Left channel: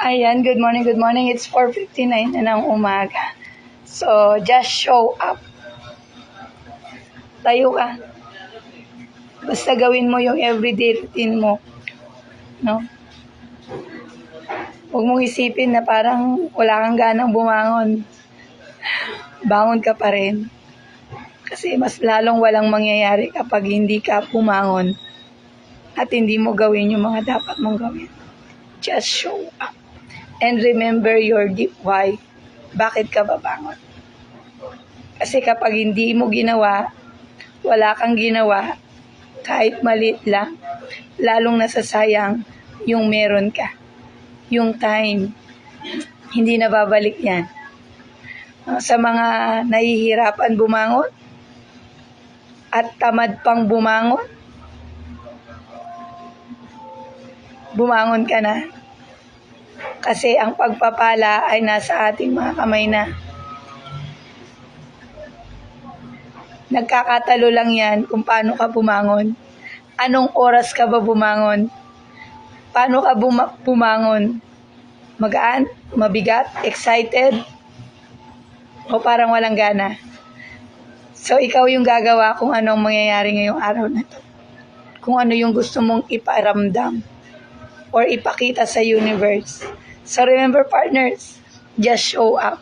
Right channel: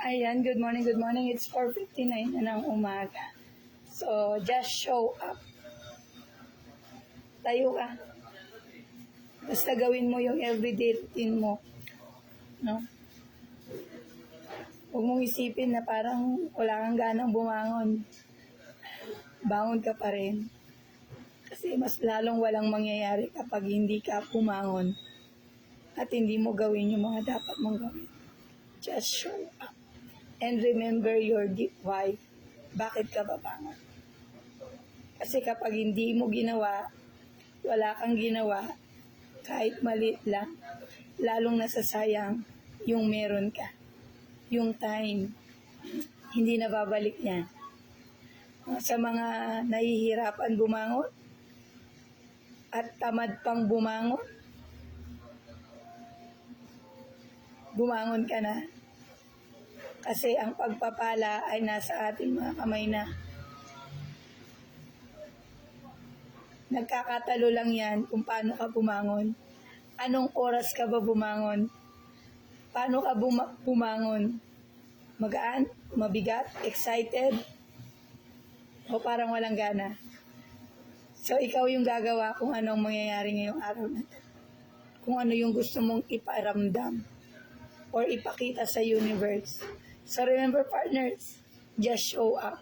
Ayan, good morning, good morning. It's 4:59 na ng umaga. So, just show up. Tayo ka. Basta gawin mo yung everyday routine mo. No? Huwag mong isipin na parang wala kang ganang bumangon. Bangon ka pa rin. Kasi mas lalong walang mangyayari kapag hindi ka bumangon at hindi mo gawin yung mga dapat mong gawin. Just show up. And remember your deep why. Bakit ka babangon? Kasi kapag hindi mo ginawa, wala kang ginawa, kahit maliit lang, lalong nasasayang yung meron ka. Yung time, hindi na babalik yan. Sa mga nahihirapan bumangon, at tamad pang bumangon, bumangon ka na. Kasi ang pagpapala ay nasa ating mga kamay na. Nagkakatalo lang yan kung paano ka bumangon. Anong oras ka ba bumangon? Paano ka bumangon? Magaan? Mabigat? Excited? O parang walang gana? So ikaw yung gagawa kung anong mangyayari ngayong araw na to. Kung ano yung gusto mong iparamdam or ipakita sa universe. So remember partners, just show up.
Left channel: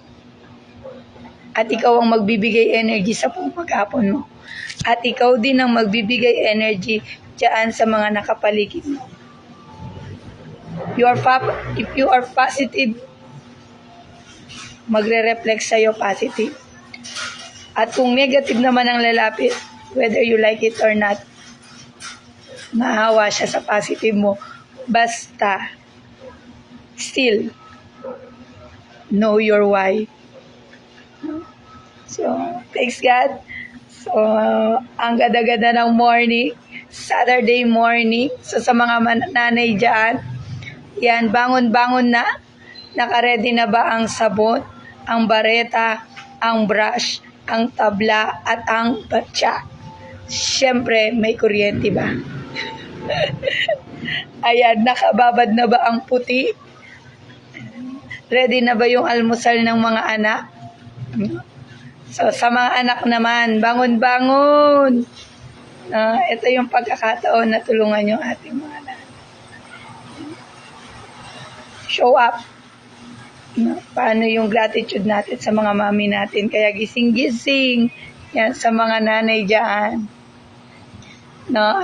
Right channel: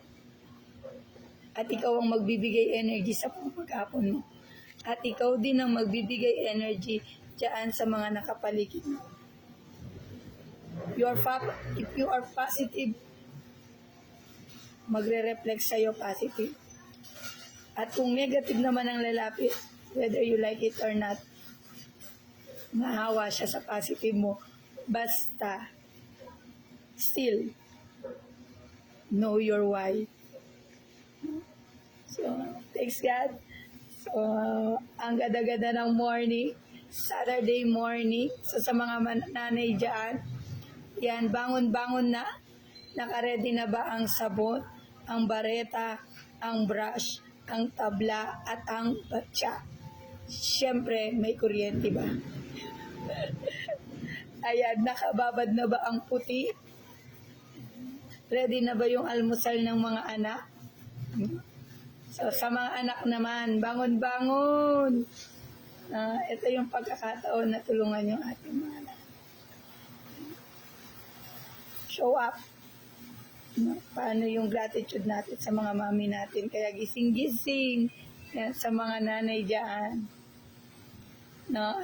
At ikaw ang magbibigay energy sa buong maghapon mo. At ikaw din ang magbibigay energy dyan sa mga nakapaligid mo. If you are positive, magre-reflect sa'yo positive. At kung negative naman ang lalapit, whether you like it or not, mahawa siya sa positive mo. Basta, still, know your why. So, thanks God. So, ang gada-gada ng morning, Saturday morning. So, sa mga nanay dyan, yan, bangon-bangon na. Naka-ready na ba ang sabon, ang bareta, ang brush, ang tabla, at ang batya? Siyempre, may kuryente ba? Ayan, nakababad na ba ang puti? Ready na ba yung almusal ng mga anak? So, sa mga anak naman, bangon-bangon. Ito yung pagkakataon na tulungan yung ating mga anak. Show up. Paano yung gratitude natin sa mga mami natin? Kaya gising-gising. Yan, sa mga nanay dyan.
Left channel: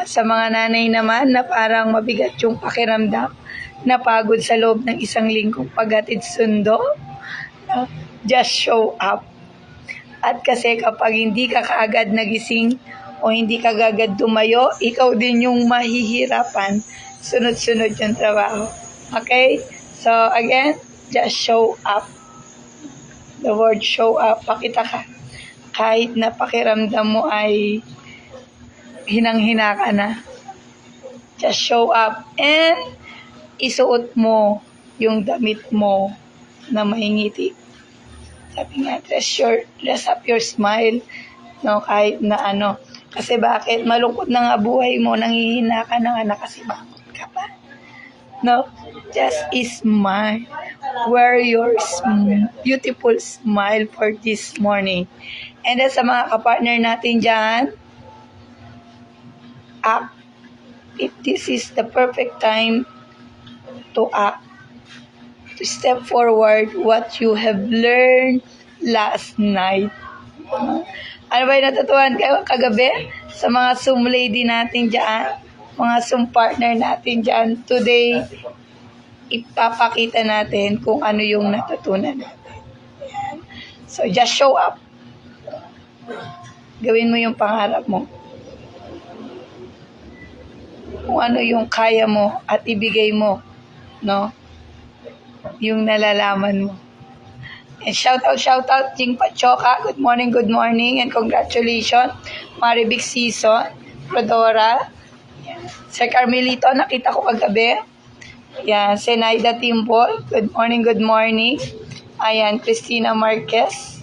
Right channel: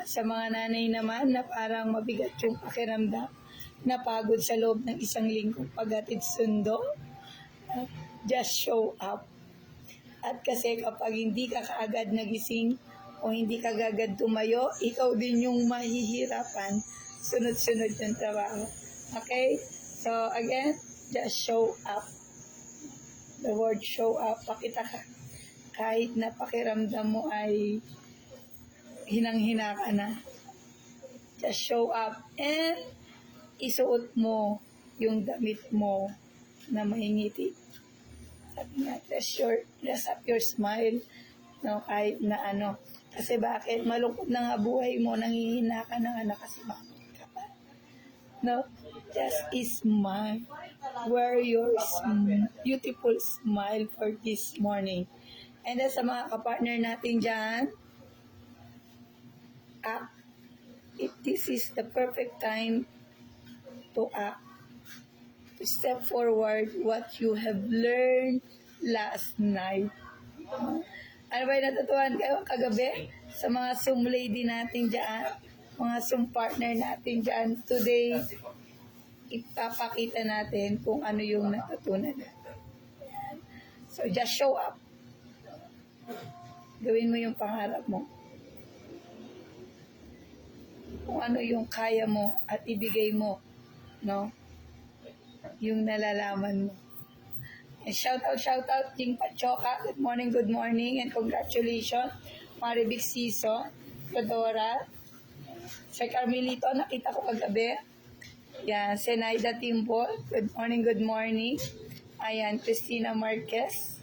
Sa mga nanay naman na parang mabigat yung pakiramdam, napagod sa loob ng isang linggong paghatid sundo, just show up. At kasi kapag hindi ka kaagad nagising o hindi ka agad tumayo, ikaw din yung mahihirapan. Sunod-sunod yung trabaho. Okay? So again, just show up. The word show up, pakita ka. Kahit na pakiramdam mo ay hinang-hina ka na. Just show up and isuot mo yung damit mo na mahingiti. Sabi nga, dress up your smile, no, kahit na ano. Kasi bakit? Malungkot na nga buhay mo, nanghihina ka na nga, nakasimangot ka pa. No, just smile. Wear your beautiful smile for this morning. And then sa mga kapartner natin dyan, act. If this is the perfect time to act, to step forward what you have learned last night. Ano ba yung natutuhan kayo kagabi? Sa mga Zoom lady natin dyan, mga Zoom partner natin dyan, today, ipapakita natin kung ano yung natutunan natin. Yan. So, just show up. Gawin mo yung pangarap mo. Kung ano yung kaya mo at ibigay mo, no? Yung nalalaman mo. And shout out, Jing Pachoka. Good morning, and congratulations. Maribig Season, Rodora. Yan. Sir Carmelito, nakita ko kagabi. Yan, Senaida Timbol. Good morning. Ayan, Christina Marquez.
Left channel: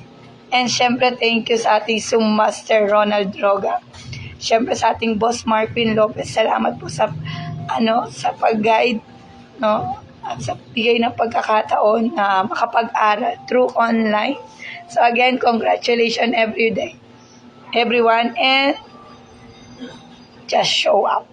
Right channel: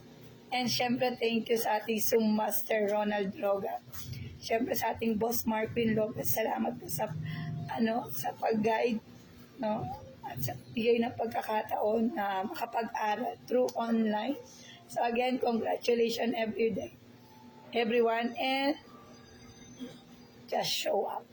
And syempre, thank you sa ating Zoom Master Ronald Droga. Syempre sa ating boss Marvin Lopez. Salamat po sa pag-guide, no? at sa bigay ng pagkakataon na makapag-aral through online. So again, congratulations everyone, and just show up.